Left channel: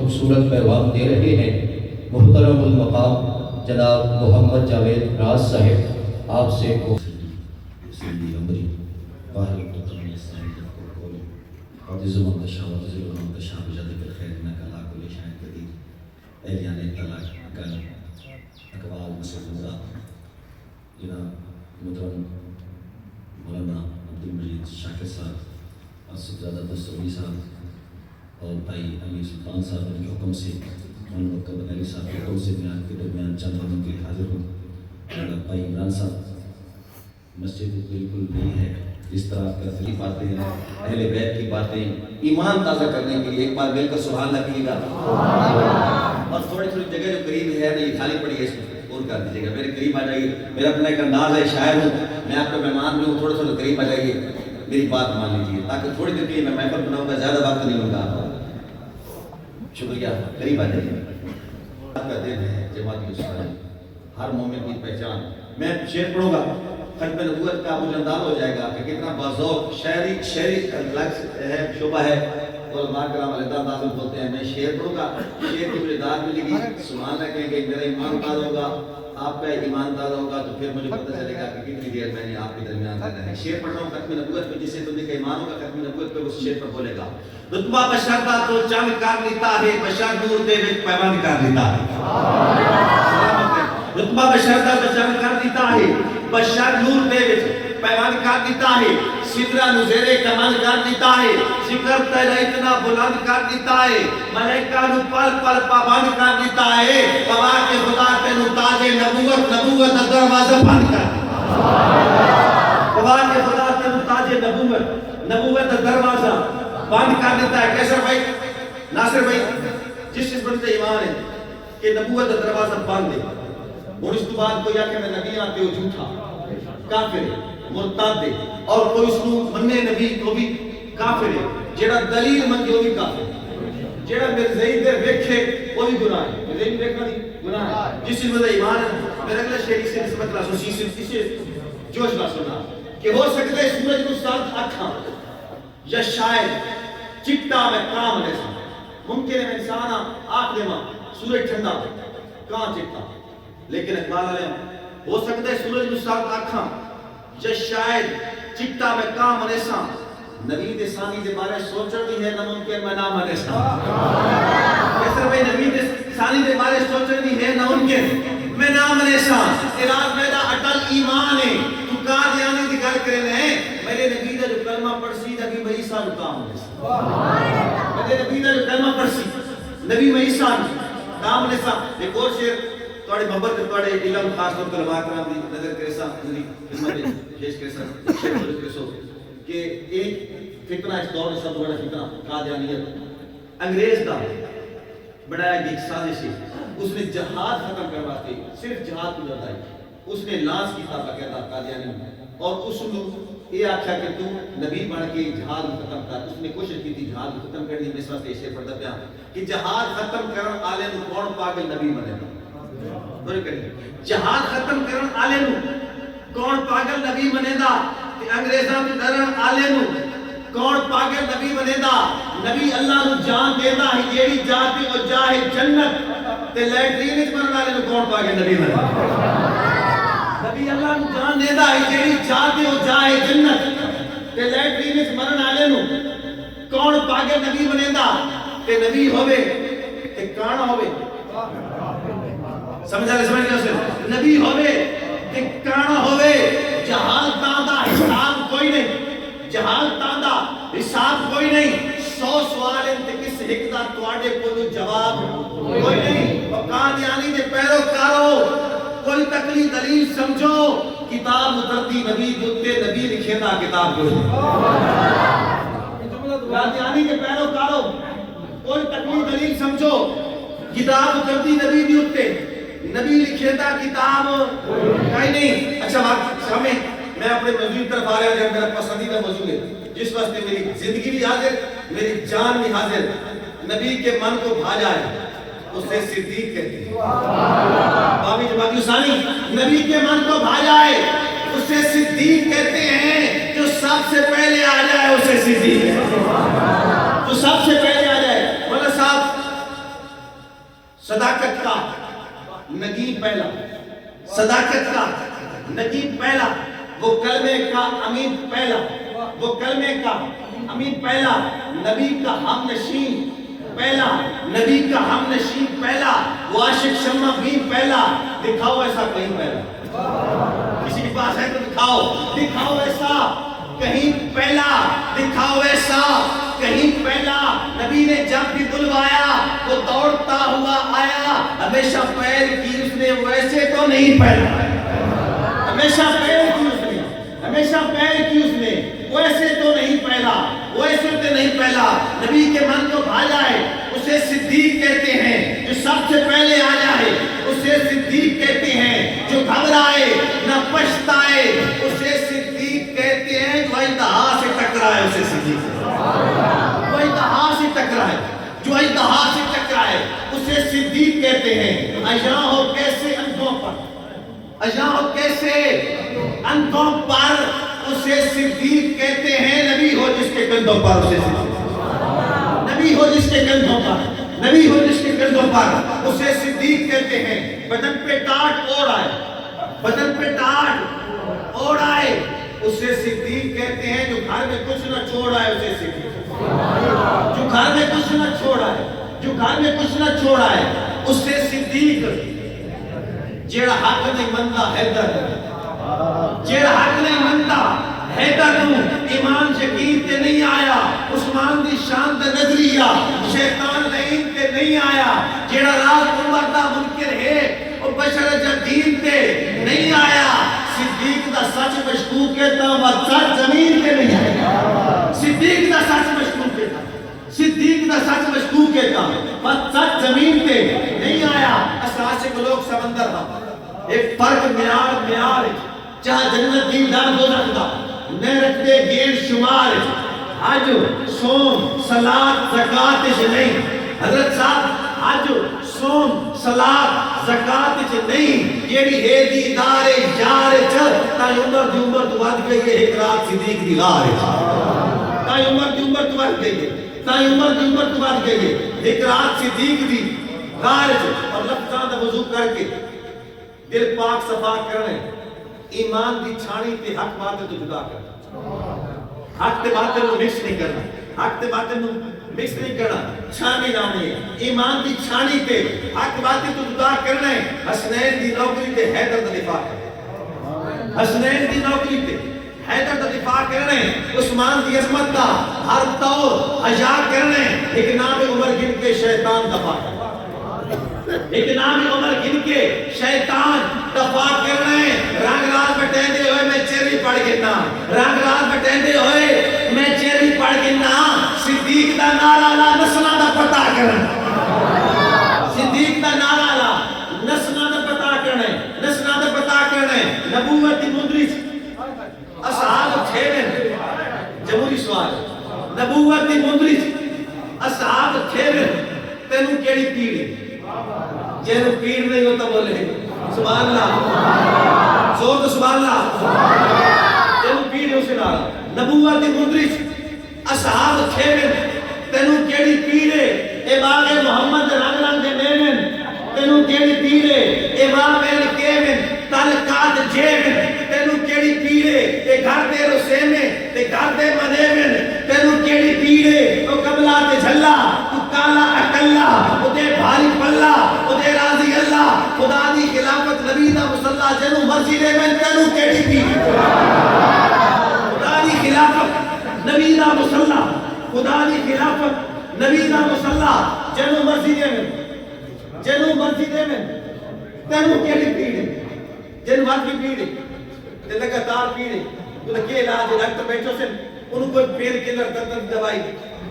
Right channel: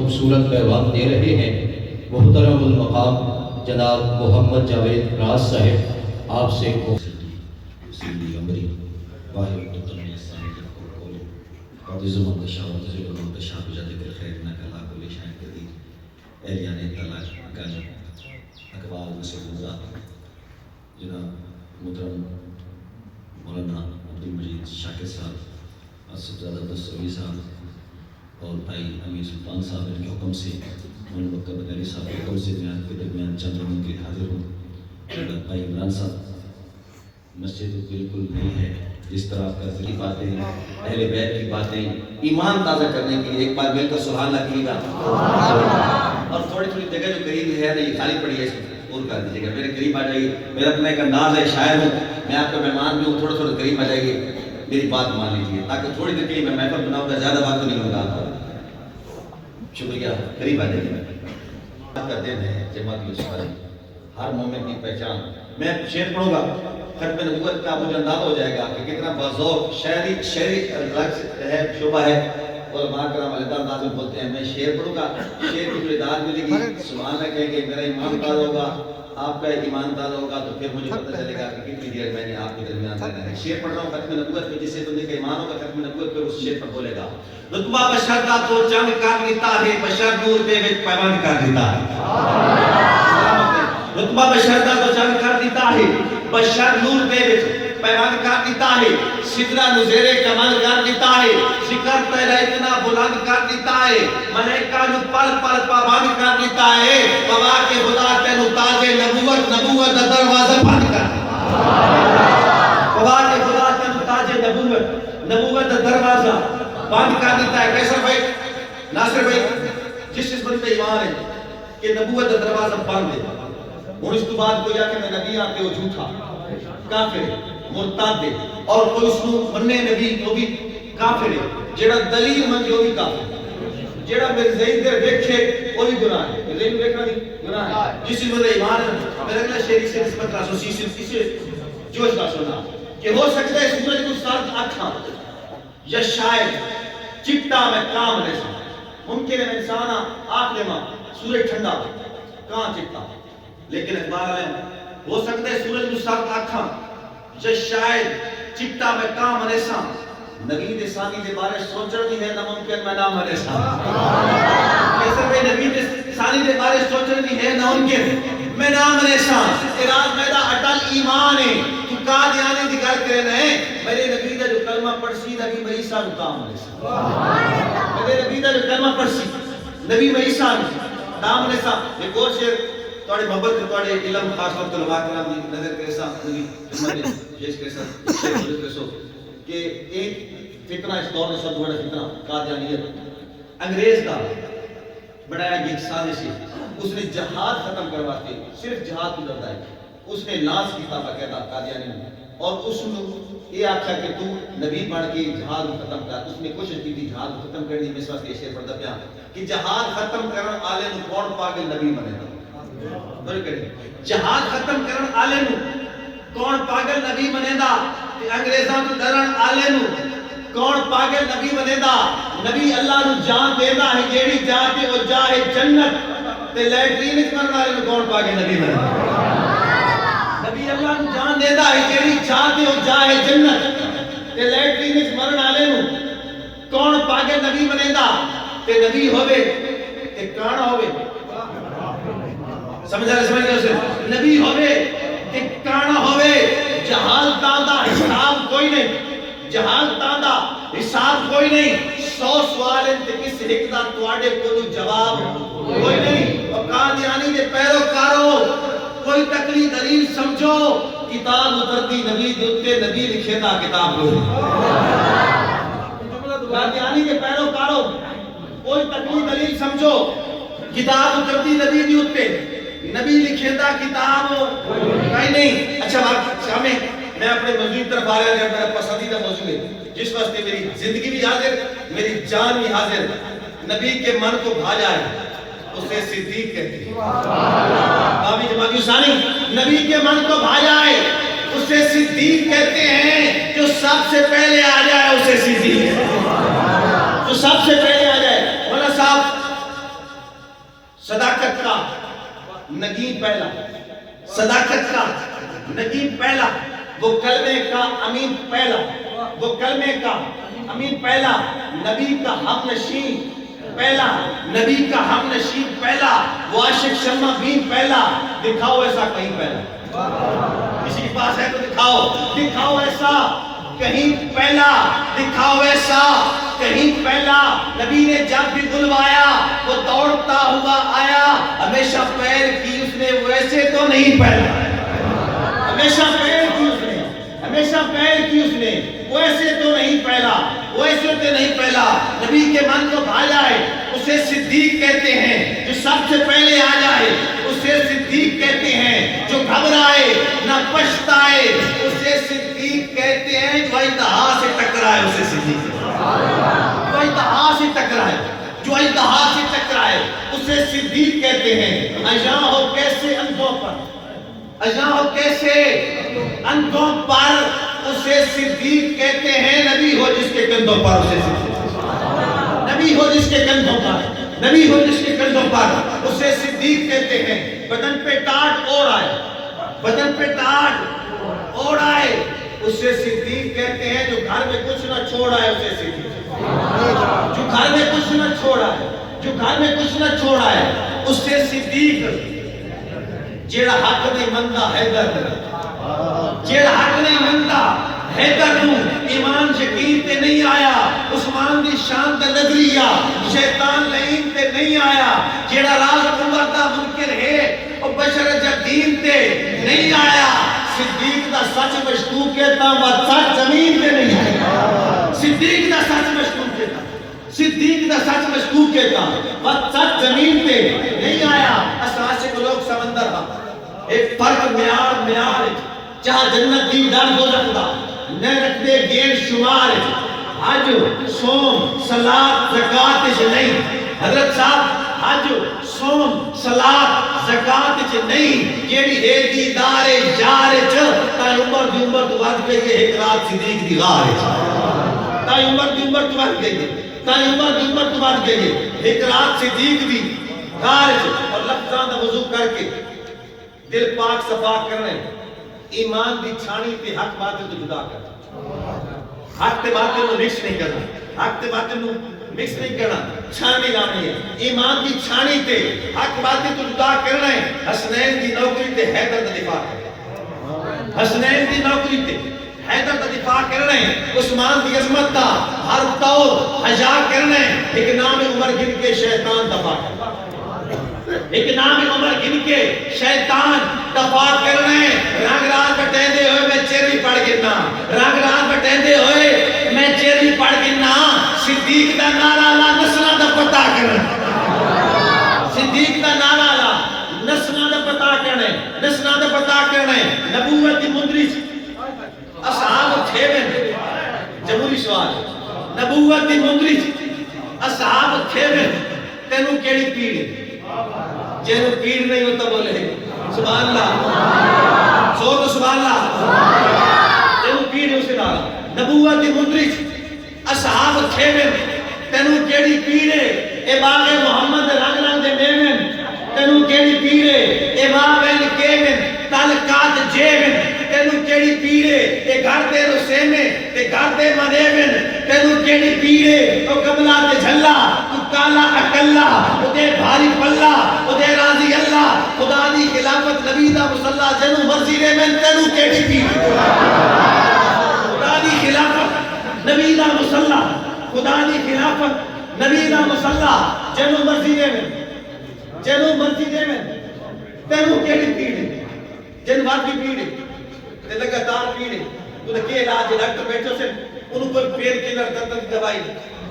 خوبصورت پیغام دے رہے ہیں محترم المقام جناب محمد جاوید راز صاحب، آپ سے جناب محترم مولانا عبدالمجید شاکر صاحب، آصف زادہ دستوری صاحب اور بھائی امیر سلطان صاحب کے حکم سے، مولانا بکر بغیری صاحب کے حکم سے میں آپ کے درمیان چند لوگوں کے حاضر ہوں۔ بھائی عمران صاحب، مسجد بالکل نہیں ہے جس طرح آپ کا ذکر باتیں ہیں، اہل بیت کی باتیں، ایمان تازہ کرنے کے لیے ایک بار مل کر سبحان اللہ کیجیے گا، اور تھوڑی تھوڑی جگہ جو قریب ہے نہیں خالی پڑی ہے اس میں اور کر دیجیے گا، میرے قریب آ جائیے، میرا اپنا ایک انداز ہے، شاعر ہوں میں، آپ کا مہمان بھی ہوں، تھوڑے تھوڑے قریب آ جائیے، میری بات مان لیجیے تاکہ تھوڑی دیر کے میں محفل بناؤں گا، زیادہ بات تو نہیں ہوگا۔ شکریہ، قریب آ جائیے۔ آج کا دن ہے جماعت اسلامی، ہر مومن کی پہچان۔ میں شعر پڑھوں گا، ختم نبوت کا مجھے اندازہ ہو جائے گا کہ کتنا بذوق شاعری ہے، شعبہ ہے، علماء کرام علیہ انداز میں بولتے ہیں۔ میں شعر پڑھوں گا، شعر کی مجھے داد ملے گی، سبحان اللہ کہیں گے، میرا ایمان تازہ ہوگا، آپ کا ایمان تازہ ہوگا، تو پھر مجھے پتہ چلے گا کہ کتنی دیر میں نے آپ کے درمیان رہنا ہے۔ شعر پڑھ رہا ہوں ختم نبوت پہ، جس سے بندے کا ایمان ہوگا ختم نبوت پہ اس شعر پر بولے گا۔ رتبہ بشر دا تو چند کر لیتا ہے، بشر نور دے وچ پیمان کر لیتا ہے۔ رتبہ بشر دا تو چند کر دیتا ہے، بشر نور دے وچ پیمان کر دیتا ہے، سدرہ نزیرے کمال کر دیتا ہے، ذکر تیرا اتنا بلند کر دیتا ہے، ملائکہ نو پل پل پابند کر دیتا ہے، گواہ کے خدا تینو تاج نبوت دا دروازہ بند کر گواہ کے خدا تینو تاج نبوت دا دروازہ بند کر دیتا ہے۔ کیسا بھائی ناصر بھائی، جس بندے ایمان ہے کہ نبوت دا دروازہ بند ہے، اور اس کے بعد کوئی آکے میں نبی آتے ہو جھوٹا کافر ہے، مرتد ہے، اور کوئی اس کو مننے نبی تو بھی کافر ہے، جیڑا دلیل منگے وہ بھی کافر ہے، جیڑا مرزائی دے ویکھے وہ بھی گناہ ہے، مرزائی دے ویکھنا نہیں گناہ ہے۔ جس میں ایمان ہے، میرے اگلے شیری سے نسبت رہا سو اسے جوش کا سنا کہ ہو سکتا ہے سورج کو سرد اکھا یا شاید چٹا میں کام لیسا، ممکن ہے انسانا آنکھ دے ماں سورج ٹھنڈا کہاں چٹا، لیکن اقبال علیہ ہو سکتا ہے سورج کو سرد اکھا یا شاید چٹا میں کام لیسا، نبی دے ثانی دے بارے سوچر بھی ہے ناممکن میں نام لیسا۔ کیسے بھئی نبی دے ثانی دے بارے سوچر بھی ہے ناممکن میں نام لیسا، اراد میدہ اٹل ایمان ہے، تو قادیانی دی گل کرے رہے، میرے نبی دا جو کلمہ پڑھسی نبی عیسیٰ نو کام لیسا، میرے نبی دا جو کلمہ پڑھسی نبی عیسیٰ نو کام لیسا۔ ایک اور شعر توڑی محبت توڑی علم خاص وقت علماء کرام دی نظر کریسا نبی خدمت پیش کریسا شیخ بولت کریسو کہ ایک فتنہ اس دور میں سب بڑا فتنہ قادیانیت انگریز دا بڑھایا گئی سازش ہے، اس نے جہاد ختم کرواتے صرف جہاد کو لڑائی، اس نے لانس کی تھا باقاعدہ قادیانی میں، اور اس نے یہ آکھا کہ تو نبی بڑھ کے جہاد کو ختم کر، اس نے کوشش کی تھی جہاد کو ختم کرنی، میں اس واسطے شعر پڑھتا پیا کہ جہاد ختم کرن آلے نو کون پاگل نبی بنے گا، جہاد ختم کرن آلے نو کون پاگل نبی بنے گا، انگریزاں تو ڈرن آلے نو کون پاگل نبی بنے گا، نبی اللہ نو جان دیتا ہے جیڑی جا کے وہ جاہے جنت تے لیٹرین وچ مرن والے نو کون پاگل نبی بنے گا، نبی اللہ نو جان دیتا ہے جیڑی جا کے وہ جاہے جنت تے لیٹرین وچ مرن والے نو کون پاگل نبی بنے گا، تے نبی ہوے تے کانا ہوے، سمجھ رہے سمجھ رہے نبی ہوے تے کانا ہوے، جہالتاں دا حساب کوئی نہیں، جہالتاں دا حساب کوئی نہیں، 100 سوال تے کس ایک دا تواڈے کولوں جواب کوئی نہیں، اور قادیانی دے پیروکارو کوئی تکلی دلیل سمجھو، کتاب اترتی نبی دے اوتے، نبی لکھے دا کتاب کوئی قادیانی دے پیروکارو کوئی تکلی دلیل سمجھو، کتاب اترتی نبی دے اوتے، نبی لکھے دا کتاب کہیں نہیں۔ اچھا سامنے میں اپنے موضوع کی طرف آ رہا ہے، میرا پسندیدہ موضوع ہے جس واسطے میری زندگی بھی حاضر، میری جان بھی حاضر، نبی کے من کو بھا جائے اسے صدیق کہتے ہیں، بابی جماعتی ثانی نبی کے من کو بھا جائے اسے صدیق کہتے ہیں، جو سب سے پہلے آ جائے اسے صدیق کہتے ہیں، جو سب سے پہلے آ جائے۔ مولانا صاحب صداقت کا نگین پہلا، صداقت کا نگین پہلا، وہ کلمے کا امین پہلا، وہ کلمے کا امین پہلا، نبی کا ہم نشین پہلا، نبی کا ہم نشین پہلا، وہ عاشق شمع بین پہلا۔ دکھاؤ ایسا کہیں پہلا، کسی کے پاس ہے تو دکھاؤ، دکھاؤ ایسا کہیں پہلا، دکھاؤ ایسا کہیں پہلا۔ نبی نے جب بھی بلوایا وہ دوڑتا ہوا آیا، ہمیشہ پیر کی اس نے ویسے تو نہیں پہلا، ہمیشہ پیر کی اس نے، ہمیشہ پیر کی اس نے ویسے تو نہیں پہلا، ویسے تو نہیں پہلا۔ نبی کے من کو بھا جائے اسے صدیق کہتے ہیں، جو سب سے پہلے آ جائے اسے صدیق کہتے ہیں، جو گھبرائے نہ پچھتائے اسے صدیق کہتے ہیں، جو انتہا سے ٹکرائے اسے صدیق کہتے ہیں، جو انتہا سے ٹکرائے، جو انتہا سے ٹکرائے اسے صدیق کہتے ہیں۔ اجاں ہو کیسے اندھوں پر، اجاں ہو کیسے اندھوں پر اسے صدیق کہتے ہیں، نبی ہو جس کے کندھوں پر اسے صدیق، نبی ہو جس کے کندھوں پر، نبی ہو جس کے کندھوں پر اسے صدیق کہتے ہیں۔ بدن پہ ٹاٹ اوڑھ آئے، بدن پہ ٹاٹ اوڑھ آئے اسے صدیق کہتے ہیں، جو گھر میں کچھ نہ چھوڑ آئے اسے صدیق، جو گھر میں کچھ نہ چھوڑ آئے، جو گھر میں کچھ نہ چھوڑ آئے اسے صدیق۔ جیڑا حق نہیں مندا حیدر، جیڑا حق نہیں مندا حیدر نوں ایمان یقین تے نہیں آیا، عثمان دی شان تے نظریہ شیطان لعین تے نہیں آیا، جیڑا راز عمر دا منکر ہے او بشر جدین تے نہیں آیا، صدیق دا سچ مشکوک ہے تا سچ زمین تے نہیں آیا، صدیق دا سچ مشکوک ہے تا، صدیق دا سچ مشکوک ہے تا سچ زمین تے نہیں آیا۔ اساس کو لوگ سمندر دا ایک فرق معیار معیار جہاں جنت دیدار دو رکھتا نہ رکھتے گیر شمار، حج صوم صلاۃ زکات نہیں، حضرت صاحب حج صوم صلاۃ زکات نہیں، جیڑی ہے دیدار یار چ تا عمر دی عمر تو ود گئی ہے، ایک رات صدیق دی غار تا عمر دی عمر تو ود گئی ہے، تا عمر دی عمر تو ود گئی ہے، ایک رات صدیق دی غار اور لفظاں دا وضو کر کے دل پاک صفا کرنے، ایمان دی چھانی تے حق باطل تو جدا کرنا، حق تے باطل نو مکس نہیں کرنا، حق تے باطل نو مکس نہیں کرنا، چھانی لانی ہے، ایمان دی چھانی تے حق باطل تو جدا کرنا ہے۔ حسنین دی نوکری تے حیدر دا دفاع کرنا، حسنین دی نوکری تے حیدر دا دفاع کرنا ہے، عثمان دی عظمت دا ہر طور حجا کرنا ہے، ایک نام عمر گن کے شیطان دفاع کرنا، ایک نام عمر گن کے شیطان دفاع کرنے، رنگ رات بٹیندے ہوئے میں چیری پڑھ گنا، رنگ رات بٹیندے ہوئے میں چیری پڑھ گنا، صدیق دا نعرہ لا نسلہ دا پتہ کرنے، صدیق دا نعرہ لا نسلہ دا پتہ کرنے، نسلہ دا پتہ کرنے، نبوت دی مندرج اصحاب تھیویں، جمہوری سوال، نبوت دی مندرج اصحاب تھیویں، تینوں کیڑی پیڑی جنہوں پیڑ نہیں ہوتا بولے سبحان اللہ، سو تو سبحان اللہ، جنہوں پیڑ ہے اسے نارا نبوت دی مندرج اصحاب تھیویں، تینوں کیڑی پیڑے اے باغ محمد رنگ رنگ دے میمن، تینوں کیڑی پیڑے اے باغ کیمن تلکات جیمن، تینوں کیڑی پیڑے اے گھر دے رسے میں تے گھر دے منیمن، تینوں کیڑی پیڑے او قبلہ تے جھلا تو کالا اکلا او دے بھاری پلا او دے راضی اللہ، خدا دی خلافت نبی دا مصلح جنوں مرضی لے میں، تینوں کیڑی پیڑے خدا دی خلافت نبی دا مصلح، خدا دی خلافت نبی دا مصلح جنوں مرضی لے میں، جنوں مرضی لے میں، تینوں کیڑی پیڑے جن بات بھی پیڑے تے لگاتار پیڑے تو لکے علاج ڈاکٹر بیٹھو سے انہوں کوئی پین کلر درد دوائی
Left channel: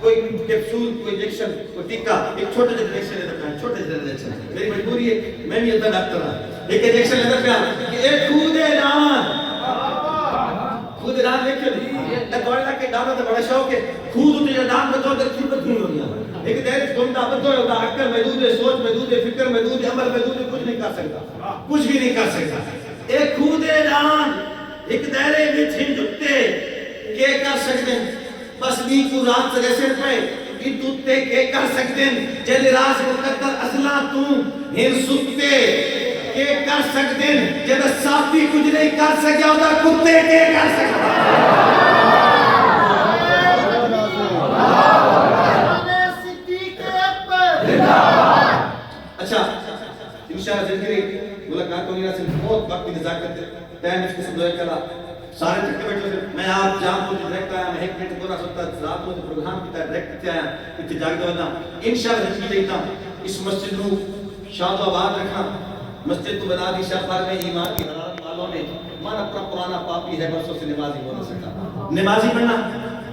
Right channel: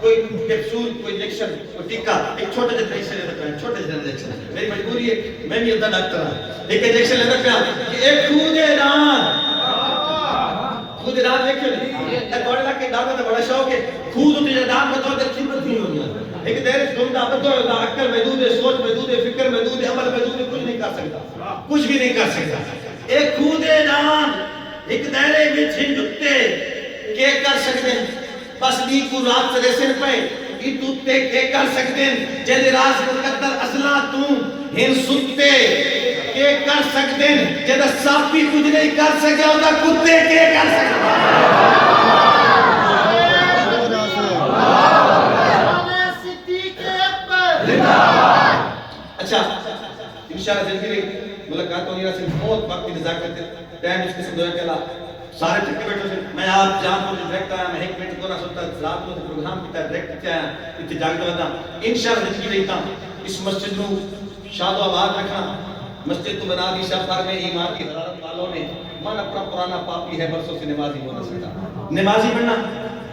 کوئی کیپسول کوئی انجیکشن کوئی ٹیکا ایک چھوٹا جا انجیکشن لیتا ہے چھوٹا جا انجیکشن میری مجبوری ہے میں بھی ادھا ڈاکٹر ہوں ایک انجیکشن لیتا ہے کہ ایک خود دان دیکھو نہیں گوڑلا کے دانوں تا بڑا شوق ہے خود ہوتی جا دان بتاؤ در خدمت نہیں ہونی ہے ایک دیر گمدہ بدو ہے عقل محدود ہے سوچ محدود ہے فکر محدود ہے عمل محدود ہے کچھ نہیں کر سکتا کچھ بھی نہیں کر سکتا ایک خود دان ایک دائرے میں چھن جکتے کیا کر سکتے ہیں بس بھی کو رات سے ریسن پہ یہ توتے کیا کر سکتے ہیں جن راز مقدر اصلہ تو تو ہن ستے کے کر سکتے ہیں جب ساپی کچھ نہیں کر سکے ہوتا کتے کے کر سکتے اچھا انشاءاللہ زندگی ملاقات ہونے رہا سے بہت وقت انتظار کرتے ٹائم اس قسم دویا کہلا سارے چکے بیٹھے سے میں آپ جان کو ڈائریکٹ آیا میں ایک منٹ کو رہا سوتا رات کو پروگرام کی ڈائریکٹ آیا اتنے جاگتے ہوتا انشاءاللہ زندگی دیتا اس مسجد نو شاد و آباد رکھنا مسجد تو بنا دی شفار میں ایمان کی حضرت والوں نے من اپنا پرانا پاپی ہے برسوں سے نمازی ہو نہ سکتا نمازی بننا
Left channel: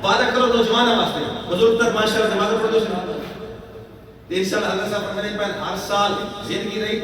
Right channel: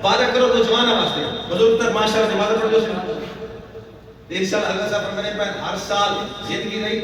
وعدہ کرو نوجوانہ واسطے بزرگ تک معاشرہ نماز پڑھو انشاءاللہ حضرت صاحب فرمانے پر ہر سال زندگی رہی